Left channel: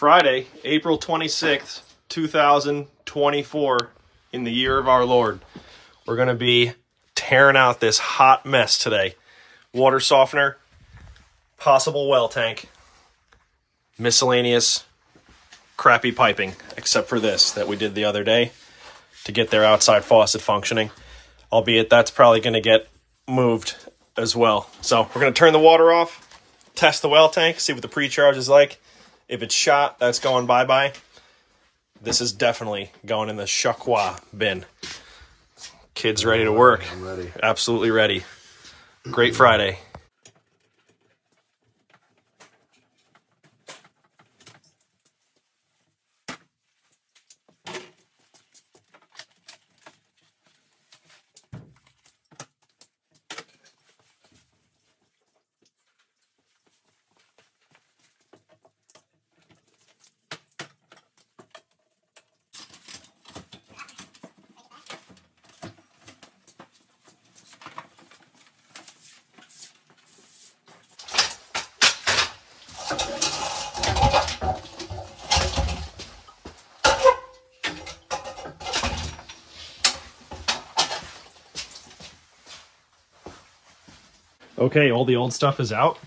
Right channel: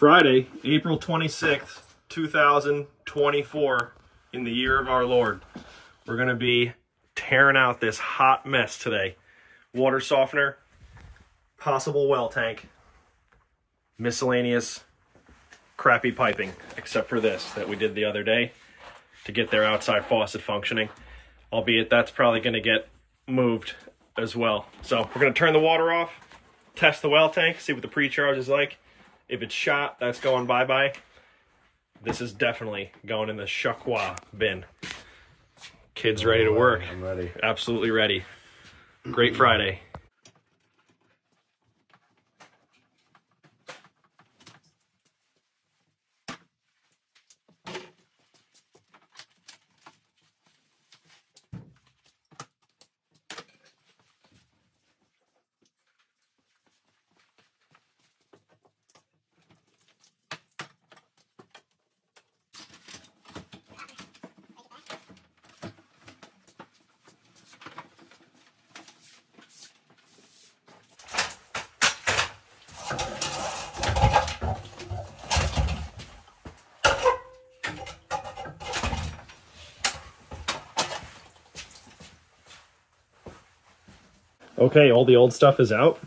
Friday, April 26th, 2024, in the year of our Lord. We're going to be tearing out this hot mess today. Water softener, possible well tank, miscellaneous crappy piping, except for this that we did the other day to get their outside faucet functioning. Albeit that's probably going to get moved as well. So we're going to turn the water off, test the well tank, see what the pre-charge is like. If it's shot, that's going bye-bye. This is definitely going in the Shakwa bin. Kids ready to work. I'm ready. Absolutely ready. Great Friday. Okay, all the old stuff is out. I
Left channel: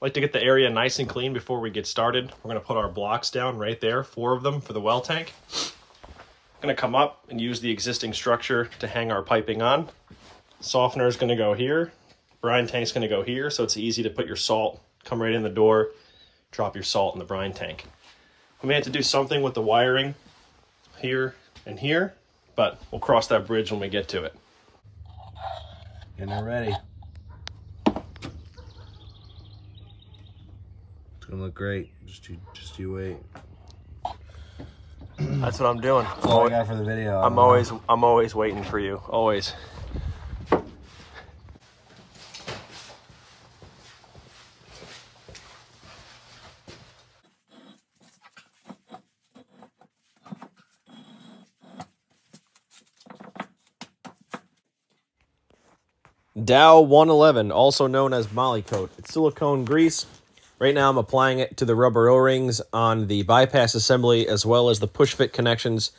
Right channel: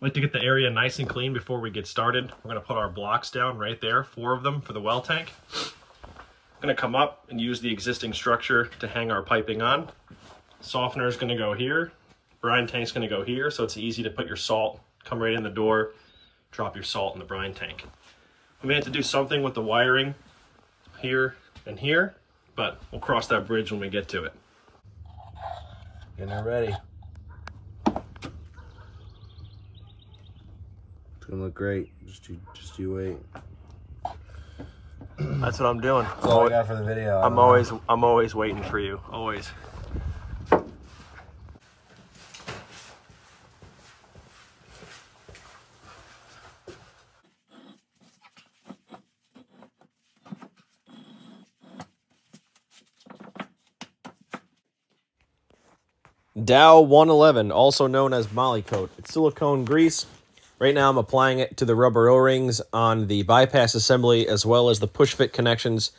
like to get the area nice and clean before we get started. We're going to put our blocks down right there, 4 of them for the well tank. I'm going to come up and use the existing structure to hang our piping on. Softener is going to go here. Brine tank is going to go here, so it's easy to put your salt, come right in the door, drop your salt in the brine tank. We may have to do something with the wiring here and here, but we'll cross that bridge when we get to it. Getting it ready. Gonna look great. Just you wait. That's what I'm doing. That's all I got for the video. I'm always waiting for you. Always. Dow 111, also known as Molly Coat. It's silicone grease. Right now I'm applying it to the rubber O-rings on the bypass assembly as well as the push fit connections.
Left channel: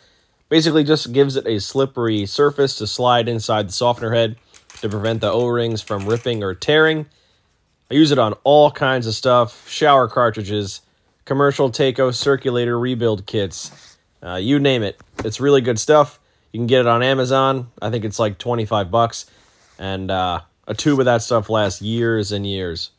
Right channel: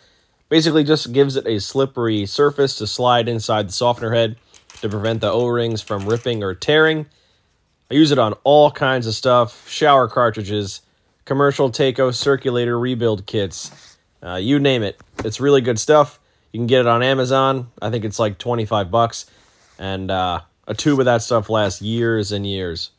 Basically just gives it a slippery surface to slide inside the softener head to prevent the O-rings from ripping or tearing. I use it on all kinds of stuff, shower cartridges, commercial Taco circulator rebuild kits, you name it. It's really good stuff. You can get it on Amazon. I think it's like 25 bucks. And a tube of that stuff lasts years and years.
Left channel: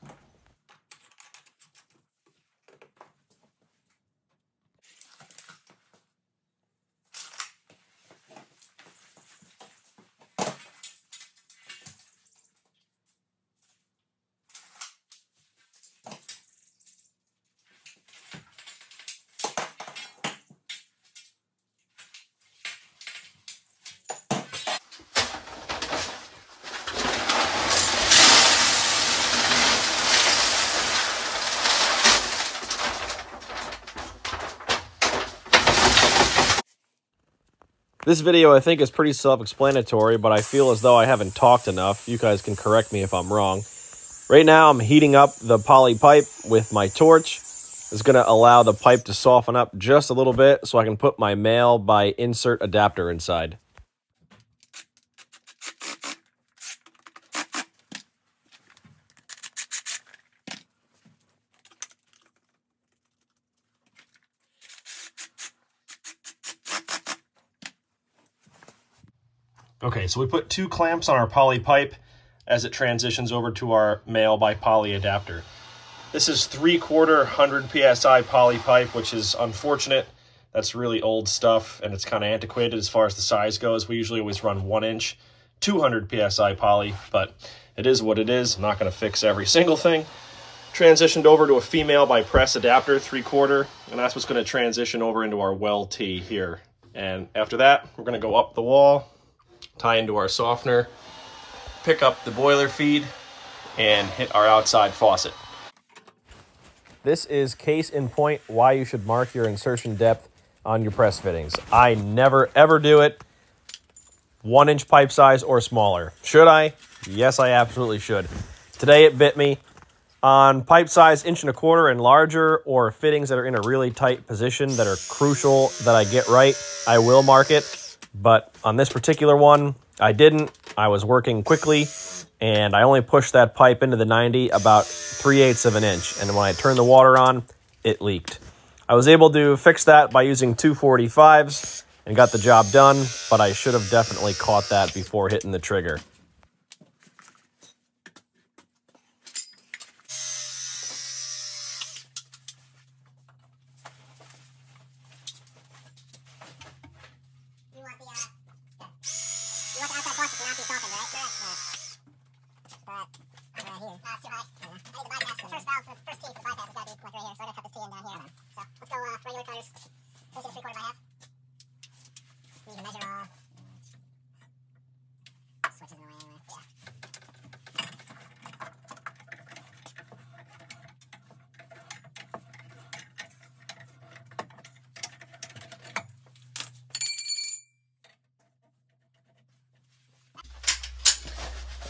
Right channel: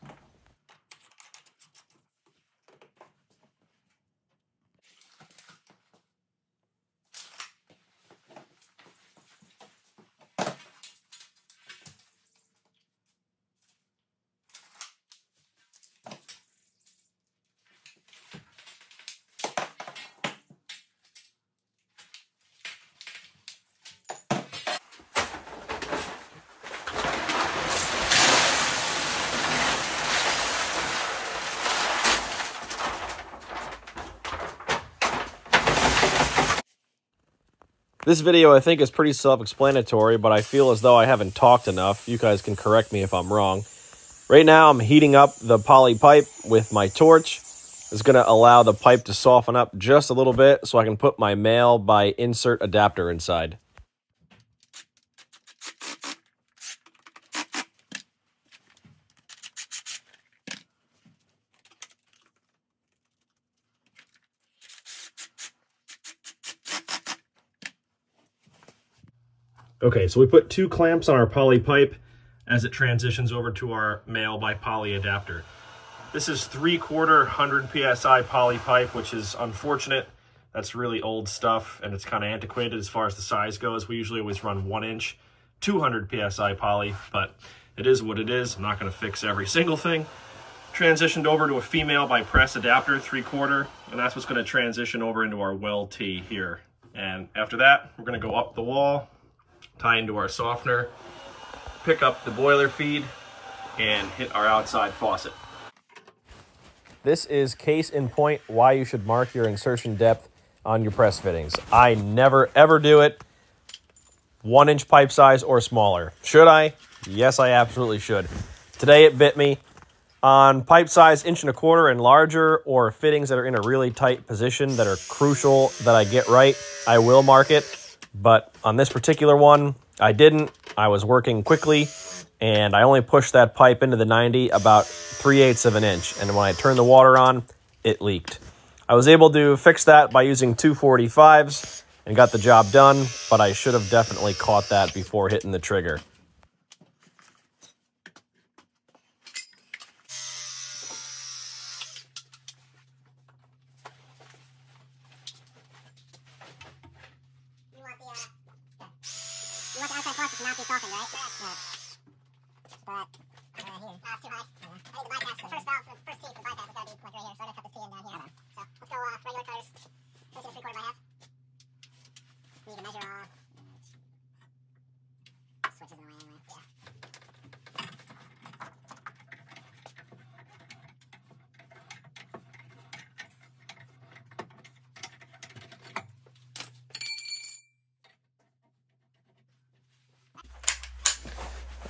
This video, I think, is pretty self-explanatory, but I feel as though I haven't talked enough. You guys can correct me if I'm wrong. Right now, I'm heating up the poly pipe with my torch. It's going to allow the pipe to soften up just a little bit so I can put my male by insert adapter inside. Okay, so we put 2 clamps on our poly pipe as it transitions over to our male by poly adapter. This is 3/4 100 PSI poly pipe, which is unfortunate. That's really old stuff and it's kind of antiquated as far as the size goes. We usually always run 1 inch, 200 PSI poly, but it is what it is. I'm not going to fix every single thing. Transitioned over to a female by press adapter, 3/4, and that's what's going to transition over into our well tee here. And after that, we're going to go up the wall, tie into our softener, pick up the boiler feed, and hit our outside faucet. This is case in point why you should mark your insertion depth on your press fittings. I never ever do it 1 inch pipe size or smaller. Should I? Yes, I absolutely should. Today it bit me. On pipe size 1.25 inches and larger, or fittings that are in a really tight position that are crucial that I get right, I will mark it. But on this particular one, I didn't. I was working quickly, and I only pushed that pipe into the 90 about 3/8 of an inch. And when I turned the water on, it leaked. I was able to fix that by using 245s and got the job done, but I should have definitely caught that before hitting the trigger.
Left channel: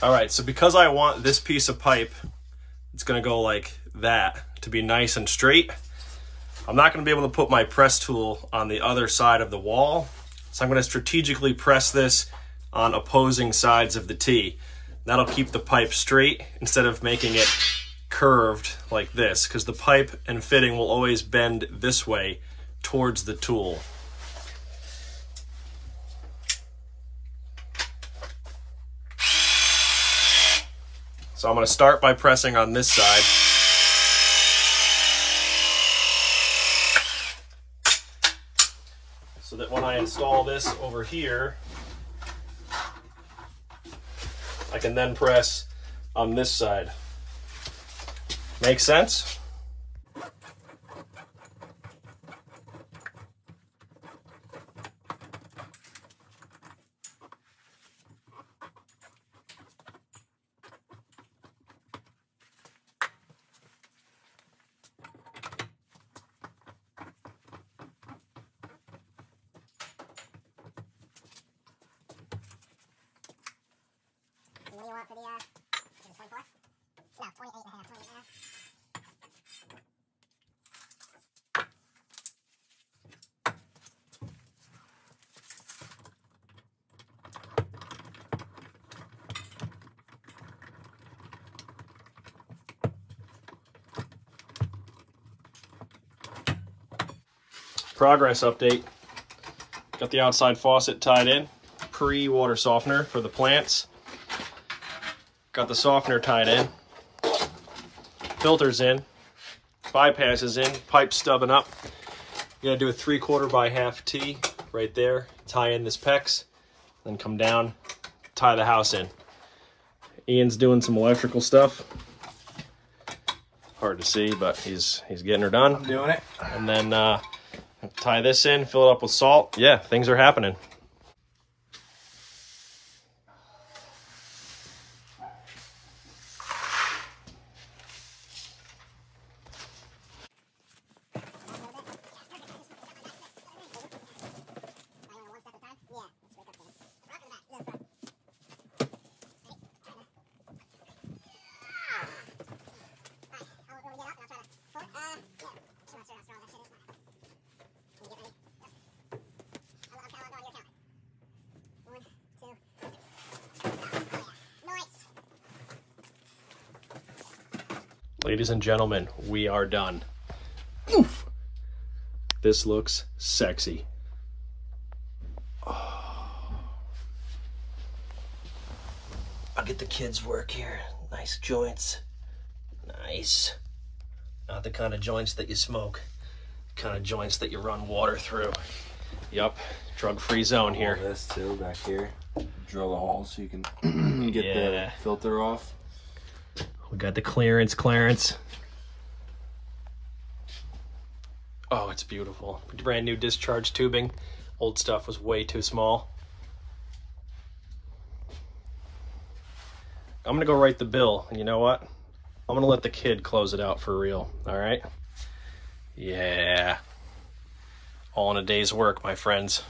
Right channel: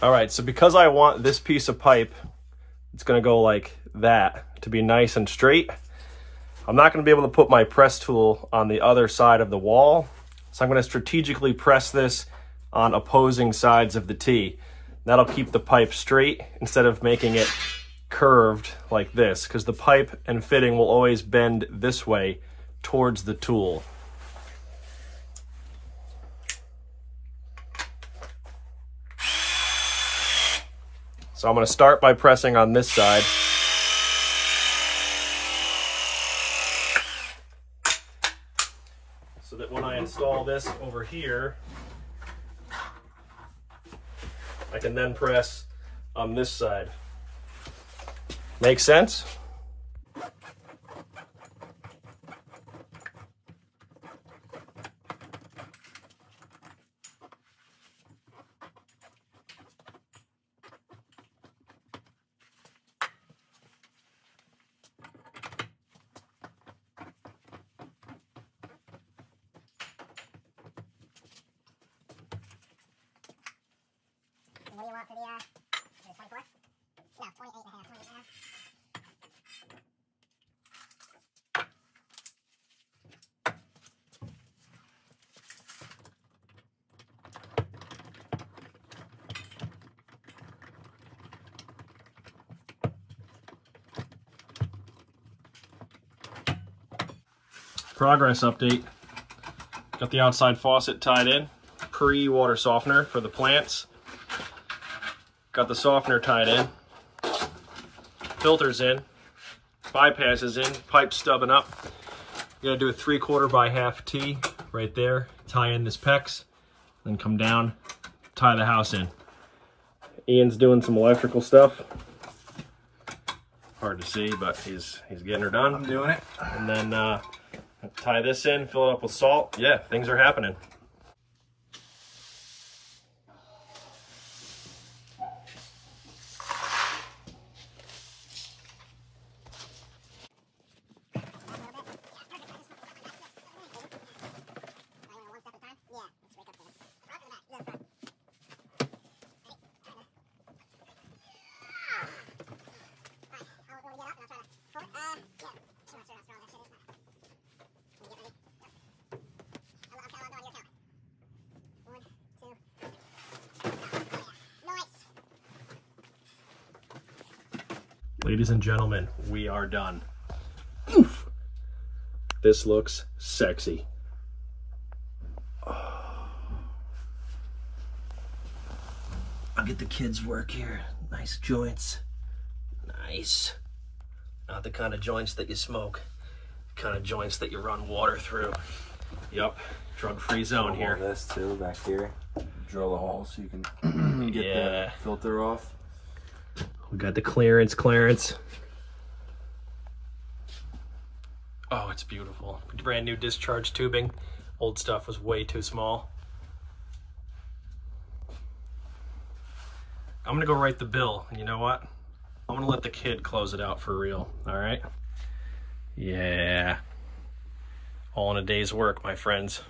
All right, so because I want this piece of pipe, it's gonna go like that to be nice and straight. I'm not gonna be able to put my press tool on the other side of the wall. So I'm gonna strategically press this on opposing sides of the T. That'll keep the pipe straight instead of making it curved like this, because the pipe and fitting will always bend this way towards the tool. So I'm going to start by pressing on this side. So that when I install this over here, I can then press on this side. Make sense? What do you want for the, is it 24? No, 28 and a half. 28 and a half. Progress update. Got the outside faucet tied in. Pre-water softener for the plants. Got the softener tied in. Filters in. Bypass is in. Pipe stubbing up. You gotta do a 3/4 by half T right there. Tie in this PEX. Then come down. Tie the house in. Ian's doing some electrical stuff. Hard to see, but he's getting her done. I'm doing it. And then tie this in, fill it up with salt. Yeah, things are happening. Ladies and gentlemen, we are done. Oof. This looks sexy. Oh. I'll get the kids' work here. Nice joints. Nice. Not the kind of joints that you smoke. The kind of joints that you run water through. Yup. Drug-free zone here. All this too back here. Drill a hole so you can get the filter off. We got the clearance. Oh, it's beautiful. Brand new discharge tubing. Old stuff was way too small. I'm gonna go write the bill, and you know what? I'm gonna let the kid close it out for real, all right? Yeah. All in a day's work, my friends.